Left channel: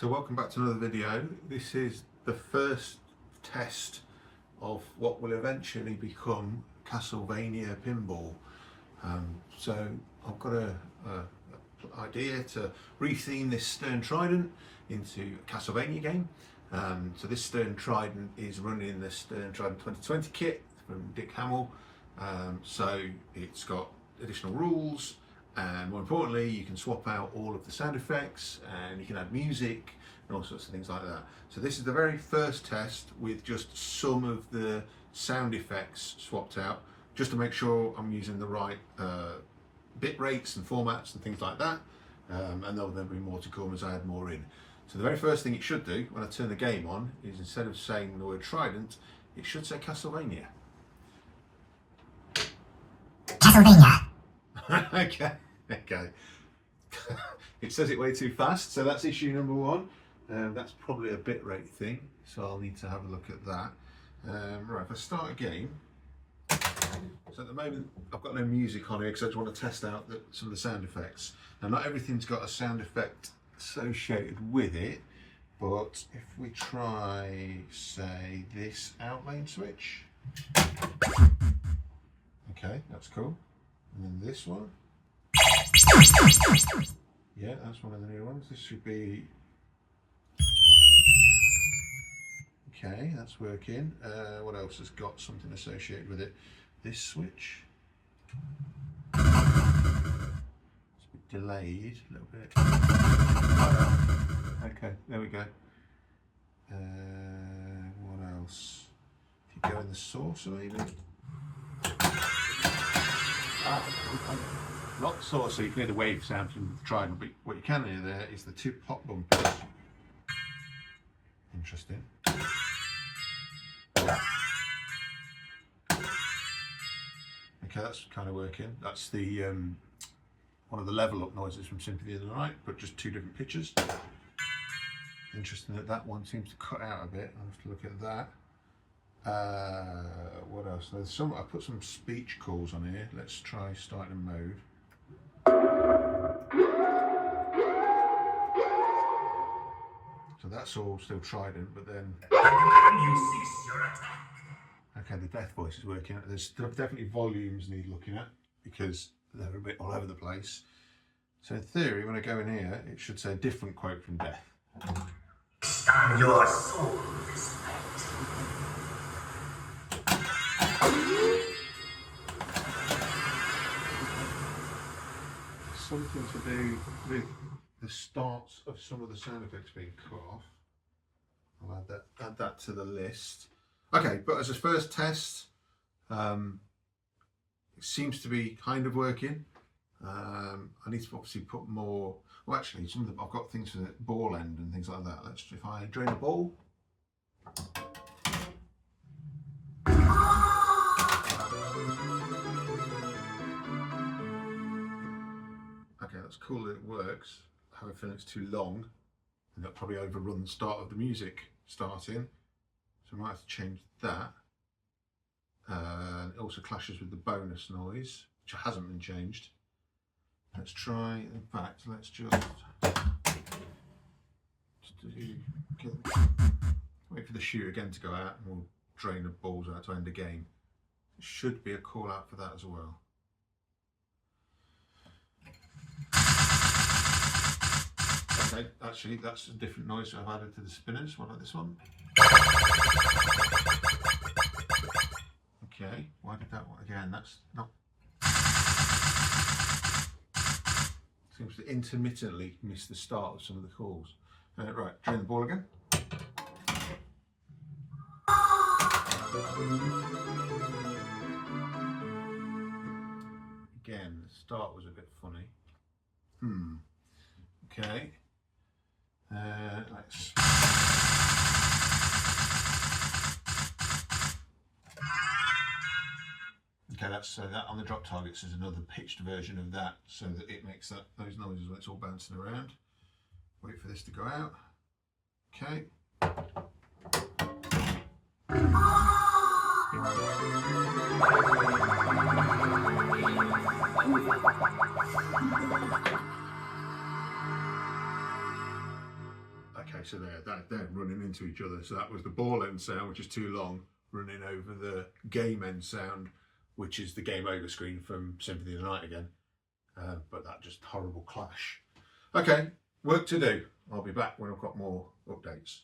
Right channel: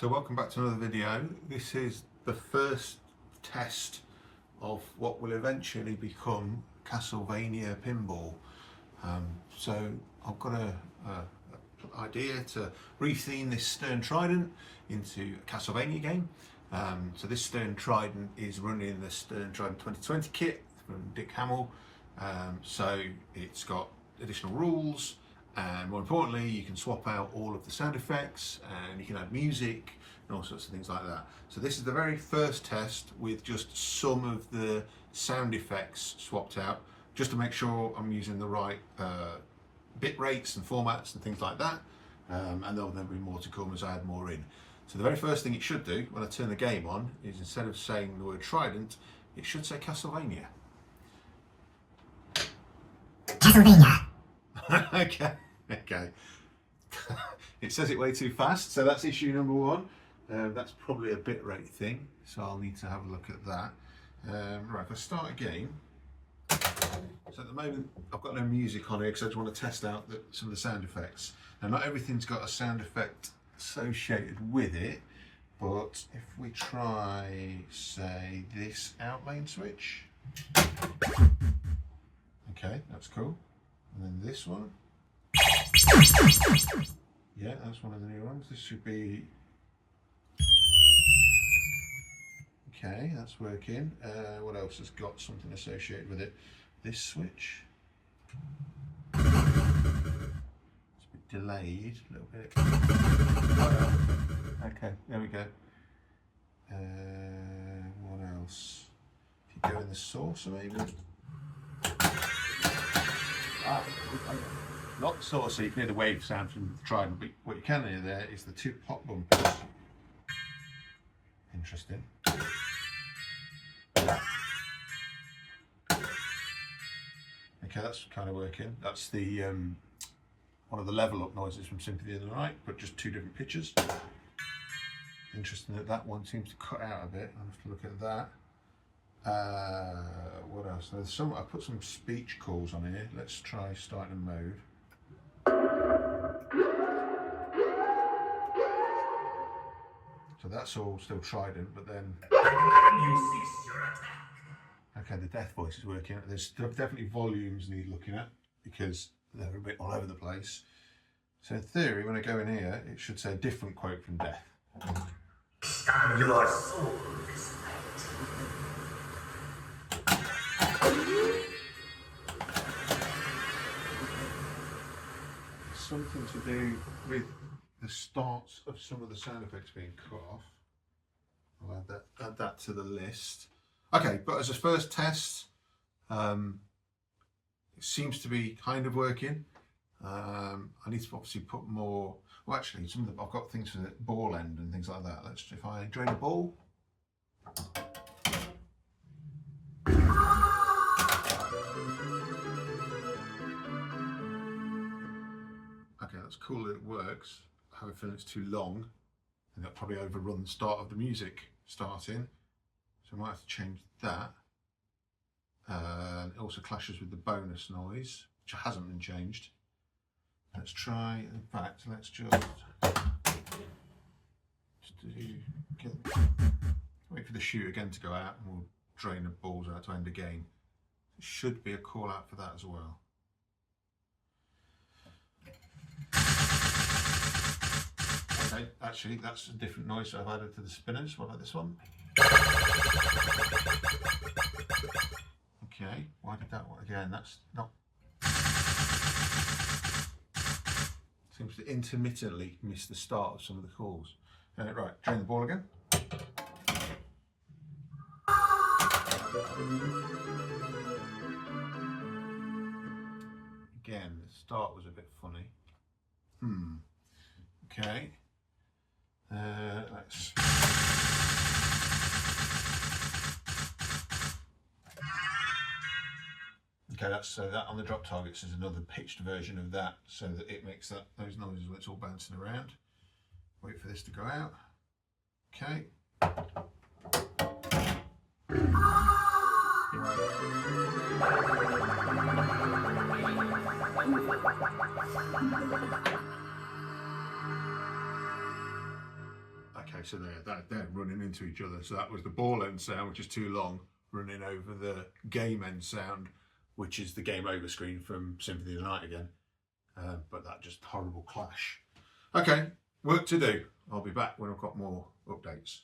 So welcome back to another video. This is the first test of what will eventually become Castlevania Pinball. So I've got a idea to retheme this Stern Trident into a Castlevania game. So this Stern Trident is running the Stern Trident 2020 kit from Dick Hamill. So it's got additional rules. And more importantly, you can swap out all of the sound effects and you can add music and all sorts of things like that. So this is the very first test with just some of the sound effects swapped out, just to make sure I'm using the right bit rates and formats and things like that. And there'll then be more to come as I add more in. So the very first thing it should do when I turn the game on is, instead of saying the word Trident, it should say Castlevania. Castlevania. Okay. It says it way too fast, so that's issue number one. That's probably a bit rate thing, so I'll need to have a look at that. Right, if I start a game, so at the moment I've got no music on here because I just want to test out some of the sound effects. Now, not everything's got a sound effect associated with it, but if we try, say, this outlane switch, okay, that's cool. And then this one, yeah, that's one of the new ones. This should be okay. That's working. What else has got something associated with it? This switch. It's a bit delayed, a little bit. Okay, there we go. What else? If you go in the saucer, maybe. Not the saucer, you can hear the wave sound from the Trident, but what you can hear there is the two pop bumpers. Interesting. Okay, that's kind of working. That's the one of the level up noises from Symphony of the Night, but just two different pitches. Interesting that that one seems to cut out a bit. I'll have to look at that. What else? There's I put some speech calls on here. Let's try starting a mode. So that's all still Trident, but then okay, the death voice is working. There's definitely volumes need looking at because they're a bit all over the place. So in theory, when I go in here, it should say a different quote from Death. Your soul is Something to do with the start of some of the sound effects being cut off. I'll add that to the list. Okay, but as a first test, it seems to be kind of working. I need to obviously put more. Well, actually, I've got things for the ball end and things like that. Let's if I drain a ball. Okay, that's cool that it works. I have a feeling it's too long, and that'll probably overrun the start of the music starting. So I might have to change that. It also clashes with the bonus noise, which hasn't been changed. Let's try, in fact, let's just wait for the shoot again to go out, and we'll drain the balls out to end the game. There should be a call out for that as well. Okay, actually that's a different noise I've added to the spinners. What about this one? Okay, why did that one again? That's not. Seems to intermittently miss the start of some of the calls. Right, turn the ball again. Again, the start was a bit funny. Okay. Let's. Okay, that's so that on the drop targets is another pitched version of that, so that it makes those noises when it's all bouncing around. Wait for this to go out. Okay. Okay, Okay, so they're running into each other. So that was the ball end sound, which is too long, running over the game end sound, which is the game over screen from Symphony of the Night again. But that just horrible clash. Okay, work to do. I'll be back when I've got more updates.